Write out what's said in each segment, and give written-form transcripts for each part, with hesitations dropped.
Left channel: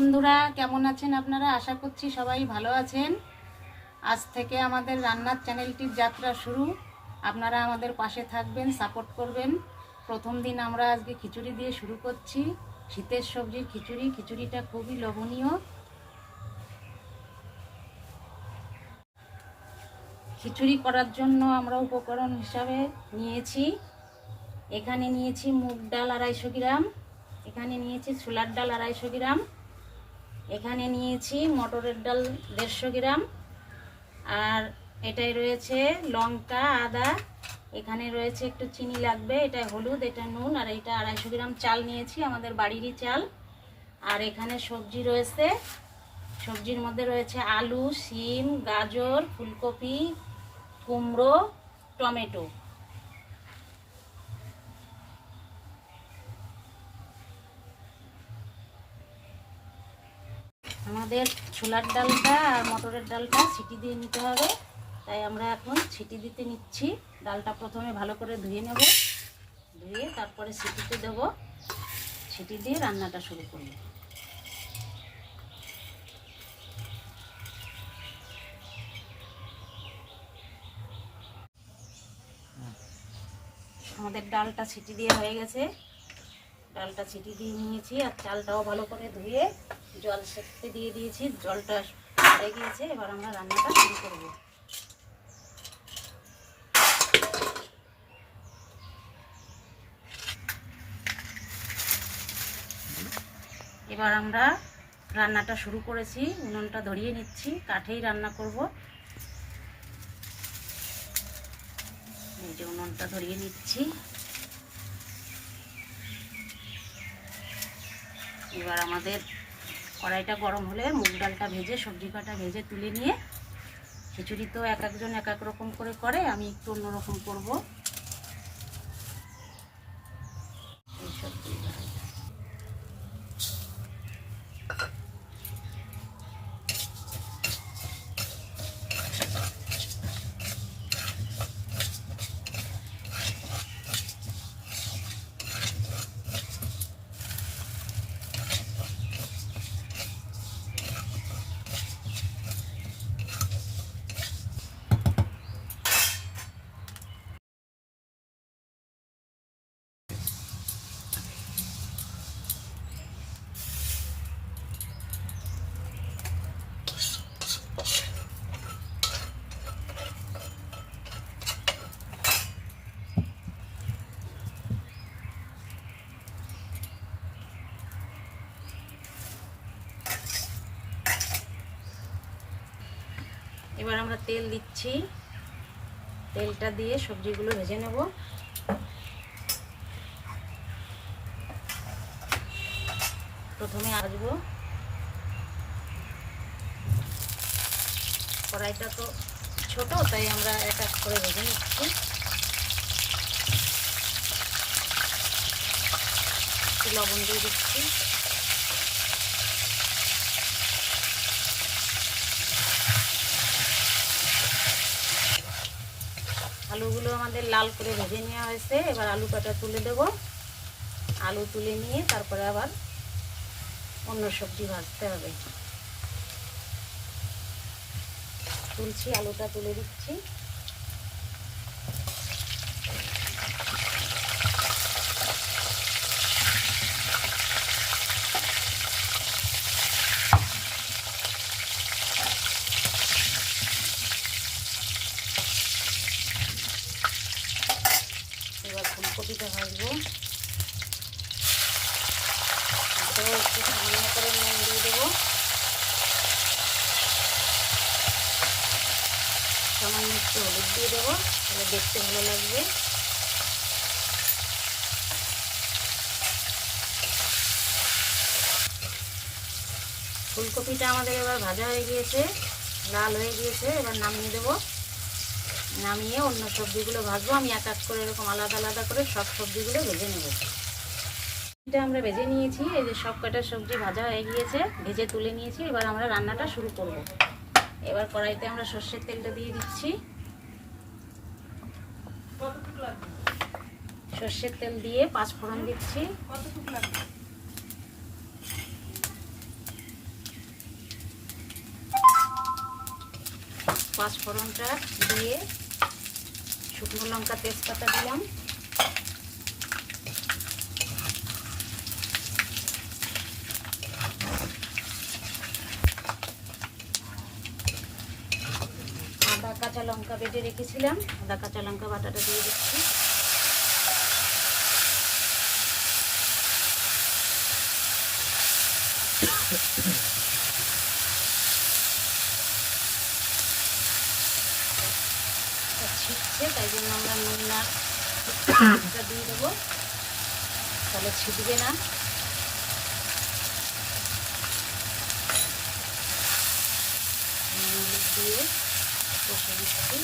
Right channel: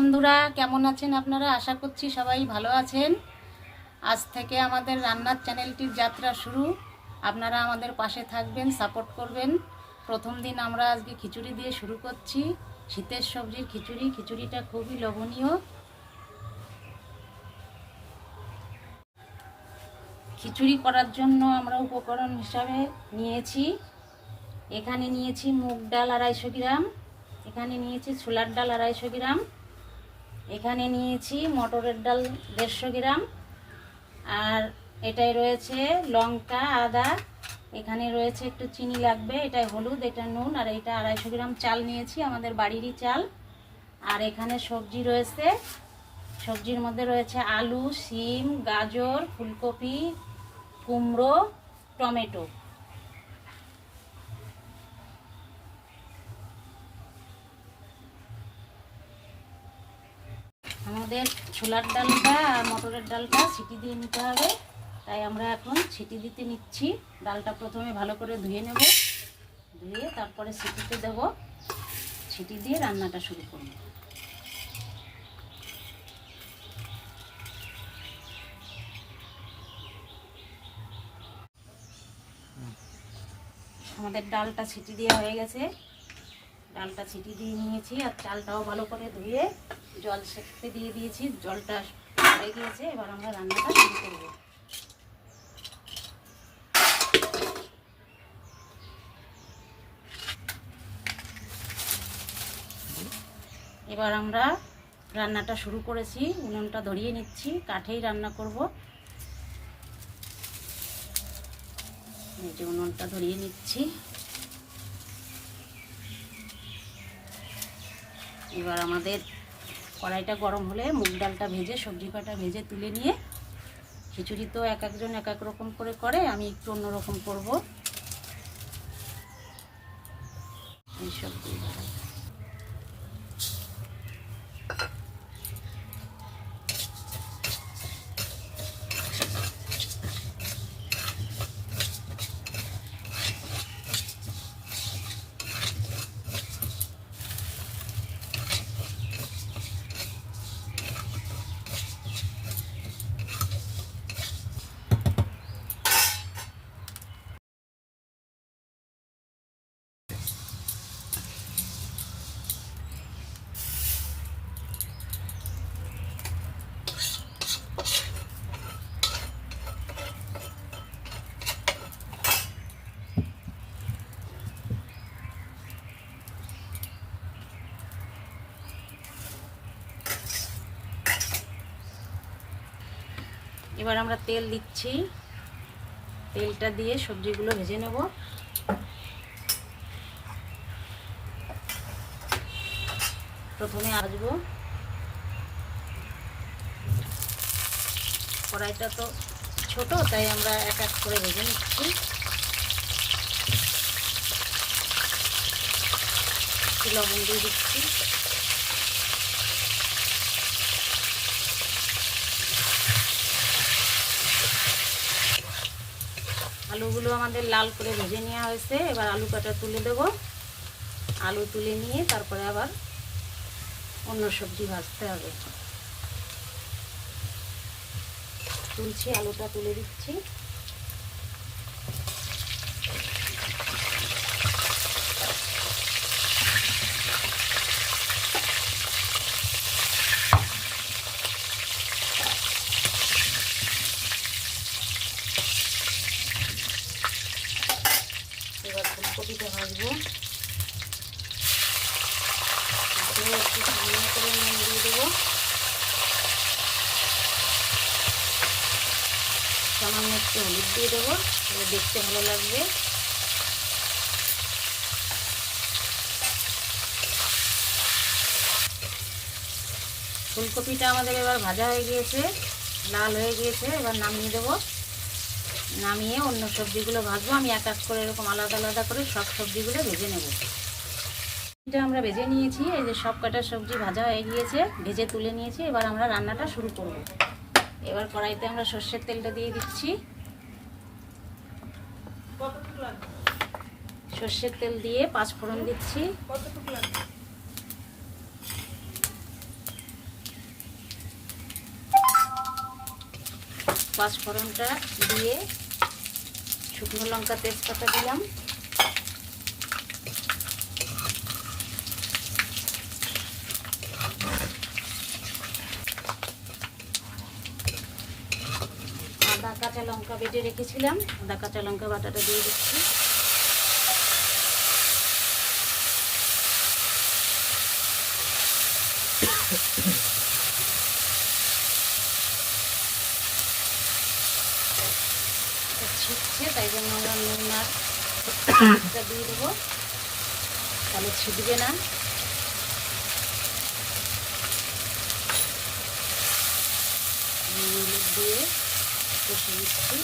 বন্ধুরা, কেমন আছেন আপনারা? আশা করছি সবাই ভালো আছেন। আজ থেকে আমাদের রান্নার চ্যানেলটির যাত্রা শুরু। আপনারা আমাদের পাশে থাকবেন, সাপোর্ট করবেন। প্রথম দিন আমরা আজকে খিচুড়ি দিয়ে শুরু করছি। শীতের সবজির খিচুড়ি। খিচুড়িটা খুবই লোভনীয়। খিচুড়ি করার জন্য আমরা উপকরণ হিসাবে নিয়েছি, এখানে নিয়েছি মুগ ডাল 250 গ্রাম, এখানে নিয়েছি ছোলার ডাল 250 গ্রাম, এখানে নিয়েছি মটরের ডাল 150 গ্রাম, আর এটাই রয়েছে লঙ্কা, আদা, এখানে রয়েছে একটু চিনি লাগবে, এটা হলুদ, এটা নুন, আর এটা 250 গ্রাম চাল নিয়েছি, আমাদের বাড়িরই চাল। আর এখানে সবজি রয়েছে, সবজির মধ্যে রয়েছে আলু, শিম, গাজর, ফুলকপি, কুমড়ো, টমেটো। আমাদের ছোলার ডালটা আর মটরের ডালটা সিটি দিয়ে নিতে হবে, তাই আমরা এখন সিটি দিতে নিচ্ছি। ডালটা প্রথমে ভালো করে ধুয়ে নেব, ধুয়ে তারপরে সিটিতে দেব, সিটি দিয়ে রান্নাটা শুরু করব। আমাদের ডালটা সিটি দিয়ে হয়ে গেছে, ডালটা সিটি দিয়ে নিয়েছি, আর চালটাও ভালো করে ধুয়ে জল সেঁকতে দিয়ে দিয়েছি, জলটা হয়ে গিয়েছে। এবার আমরা রান্নাটা শুরু করব। এবার আমরা রান্নাটা শুরু করেছি, উনুনটা ধরিয়ে নিচ্ছি, কাঠেই রান্না করব। এই যে উনুনটা ধরিয়ে নিচ্ছি। এবার আমাদের কড়াইটা গরম হলে মুগ ডালটা ভেজে, সবজি কটা ভেজে তুলে নিয়ে, খিচুড়ি তো এক একজন এক এক রকম করে, আমি একটু অন্যরকম করবো। এই সবজি এবার আমরা তেল দিচ্ছি, তেলটা দিয়ে সবজিগুলো ভেজে নেব। প্রথমে ভাজবো, কড়াইটা তো ছোট, তাই আমরা এক এক করে ভেজে নিচ্ছি। লবণ দিয়ে দিচ্ছি, আলুগুলো আমাদের লাল করে ভেজে নেওয়া হয়েছে। এবার আলু কাটা তুলে দেব, আলু তুলে নিয়ে তারপরে আবার অন্য সবজি ভাজতে হবে। তুলছি, আলুটা তুলে দিচ্ছি। এবার ফুলকপিটা ভাজবো, একটু সামনে করে নুন দিয়ে দেবো, সামান্য একটু হলুদ দিয়ে দেবো, তাহলে দেখতে ভালো লাগবে। ফুলকপিটা আমাদের এবার ভাজা হয়ে গিয়েছে, লাল হয়ে গিয়েছে। এবার নামিয়ে দেবো, নামিয়ে অন্য সবজিগুলো ভাজবো। আমি এক এক করে এরকম আলাদা আলাদা করে সব সবজিগুলো ভেজে নেব। এটা আমরা ভেজে নিয়েছি, এই যে সব কটা সবজি ভাজা হয়ে গিয়েছে, ভেজে তুলে নিয়েছি। এবার আমরা রান্নাটা শুরু করব। এবার কড়াইতে আমরা সর্ষের তেলটা দিয়ে দিচ্ছি, সর্ষের তেল দিয়ে 5 ফোড়ন দিচ্ছি। পাঁচফোড়নটা দিয়ে শুকনো লঙ্কা তেজপাতা দিলাম। আদা কাঁচা লঙ্কা বেটে রেখেছিলাম, আদা কাঁচা লঙ্কা বাটাটা দিয়ে দিচ্ছি। ছিটছে, তাই জন্য আমরা নুনটা দিয়ে দেবো, তাহলে ছিটবে না। হলুদ দিয়ে কষে দিচ্ছি।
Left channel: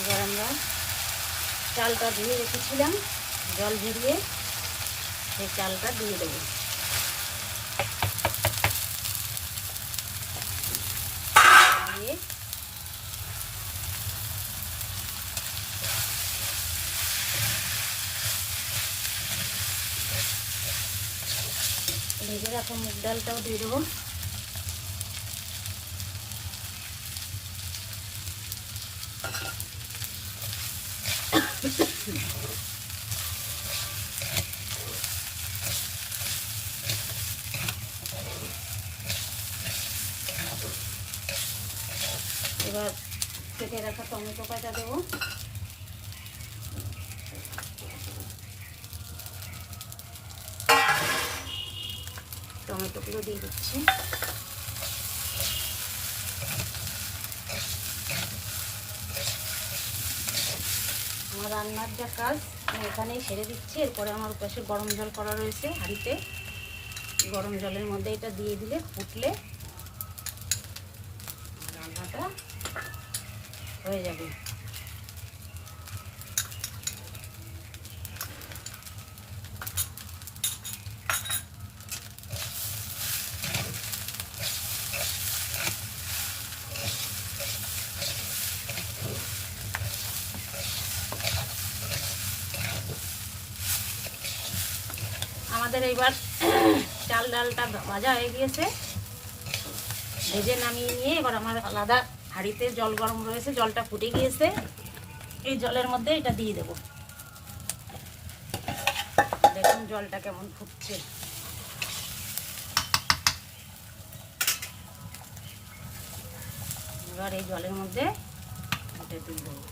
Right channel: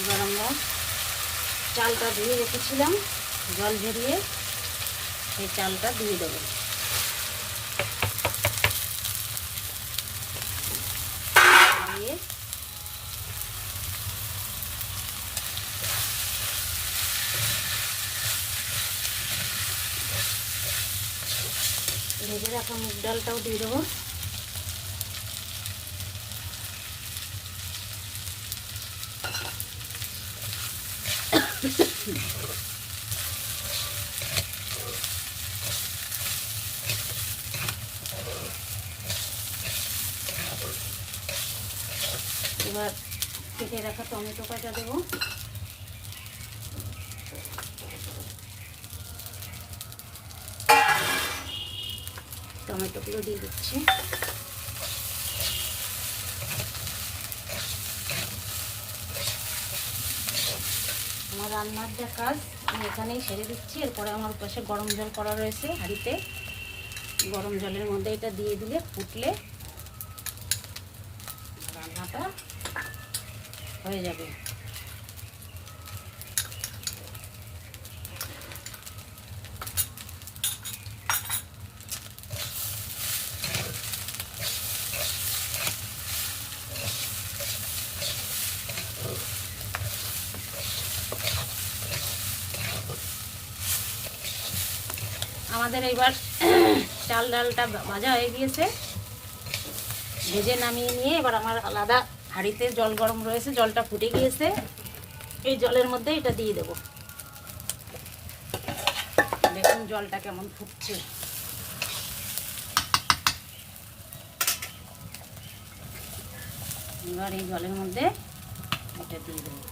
এবার আমরা চালটা ধুয়ে রেখেছিলাম, জল ঝরিয়ে সেই চালটা দিয়ে দেবো। দিয়ে ভেজে রাখা মুগ ডালটাও দিয়ে দেবো। এবার কেটে রাখা টমেটো কাটা দেবো। টমেটোগুলো দিয়ে দিচ্ছি। আমার রান্নার যা কাজ আমি এখানেই সেরে দিচ্ছি। এরপরে আমার পাশে গরম জল করা রয়েছে হাঁড়িতে, গরম জলের মধ্যে এটা দিয়ে দিলে ফুটলে রান্নাটা হয়ে যাবে। আমাদের এইবার চাল ডালটা ভাজা হয়ে গিয়েছে, ভেজে নামিয়ে নিয়ে এবার আমার আলাদা হাঁড়িতে জল গরম রয়েছে, জলটা ফুটে গিয়েছে। এই জলের মধ্যে এটা দিয়ে দেব। দেখুন জলটা কেমন ফুটছে। এবার এই জলের মধ্যে এটা দিয়ে দেবো।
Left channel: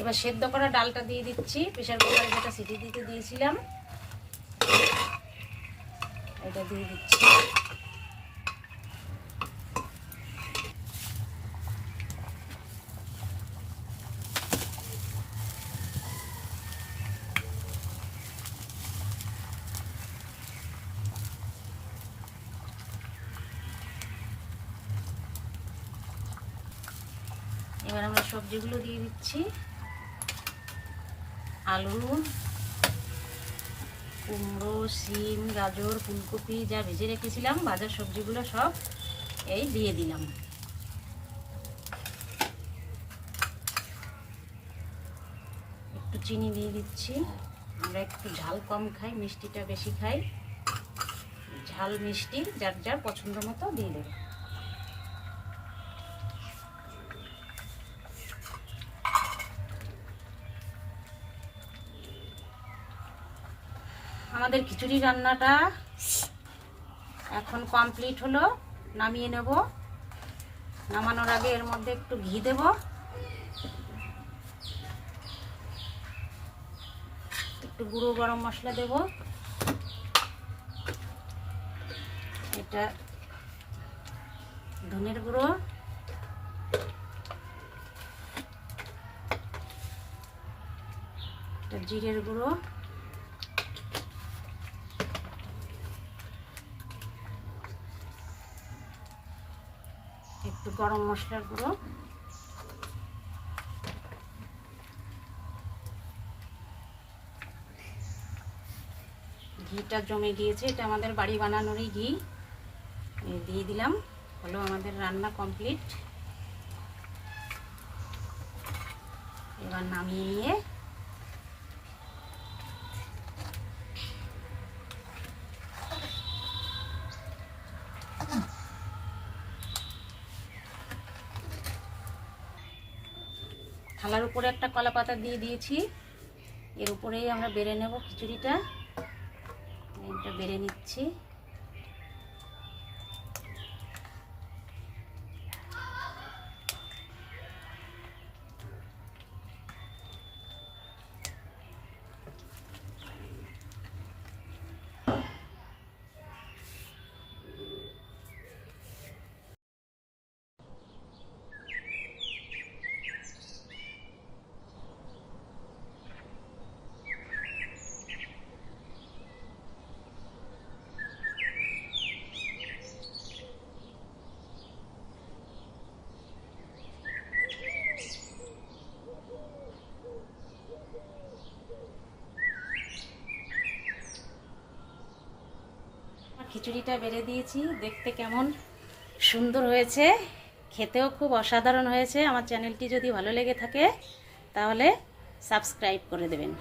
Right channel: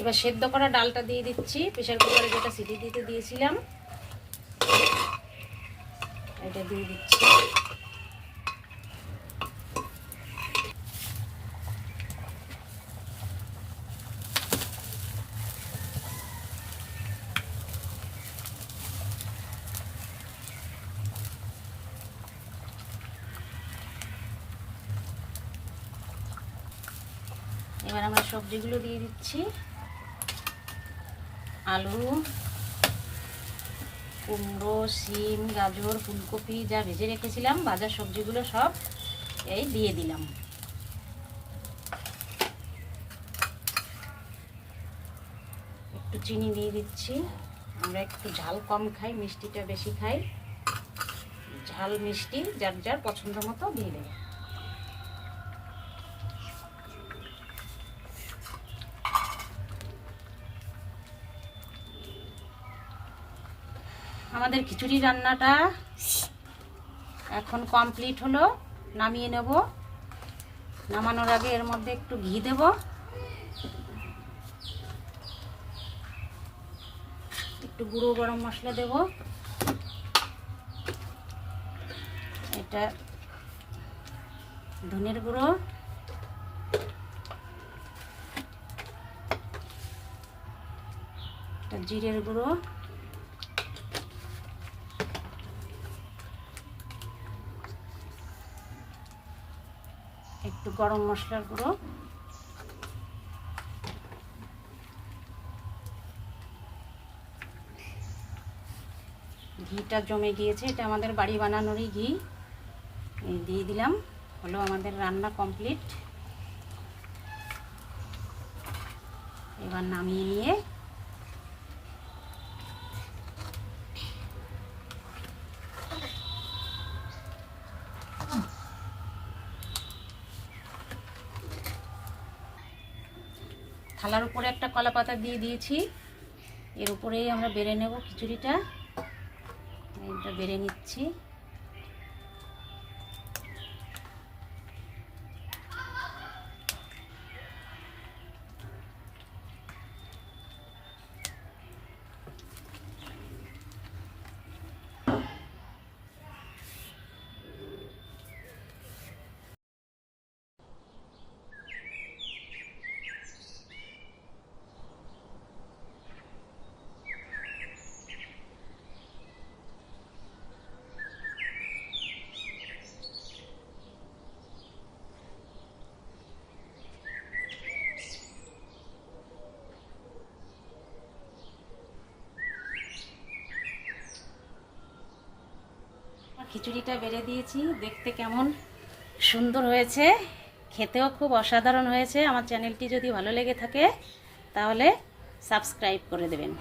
এবার সেদ্ধ করা ডালটা দিয়ে দিচ্ছি, প্রেসার কুকারে যেটা সিটি দিতে দিয়েছিলাম এটা দিয়ে দিচ্ছি। এবার আমরা সবজিগুলো দিয়ে দিচ্ছি। আলু, কুমড়ো, শিম, গাজর, ফুলকপি যা ভেজে রেখেছিলাম, ভাজা সবজিগুলো সব এই দিয়ে দিলাম। একটু চিনি দিয়ে দিচ্ছি, আমরা একটু ঝাল কম খাই, মিষ্টিটা বেশি খাই। ঝাল মিষ্টি যার যার পছন্দ মতো দিয়ে দেবে। আমাদের খিচুড়ি রান্নাটা এখন কমপ্লিট হলো, নামিয়ে নেব। নামানোর আগে এর মধ্যে একটু ঘি দেব, একটু গুঁড়ো গরম মশলা দেব, এটা ধনের গুঁড়ো, এটা জিরের গুঁড়ো, একটু গরম মশলার গুঁড়ো, ঘিটা জমে গিয়েছে, এটা আমাদের বাড়ি বানানোরই ঘি, দিয়ে দিলাম। হলো আমাদের রান্না কমপ্লিট। এবার নামিয়ে নিয়ে থালার উপরে একটা কলা পাতা দিয়ে দিয়েছি, এর উপরেই আমরা বেড়ে নেব খিচুড়িটা। এটা বেড়ে নিচ্ছি। খিচুড়িটা বেড়ে দিয়েছি, দেখতে কেমন সুন্দর হয়েছে, খেতেও খুব অসাধারণ হয়েছে। আমার চ্যানেলটি যদি ভালো লেগে থাকে তাহলে সাবস্ক্রাইব করে দেবেন।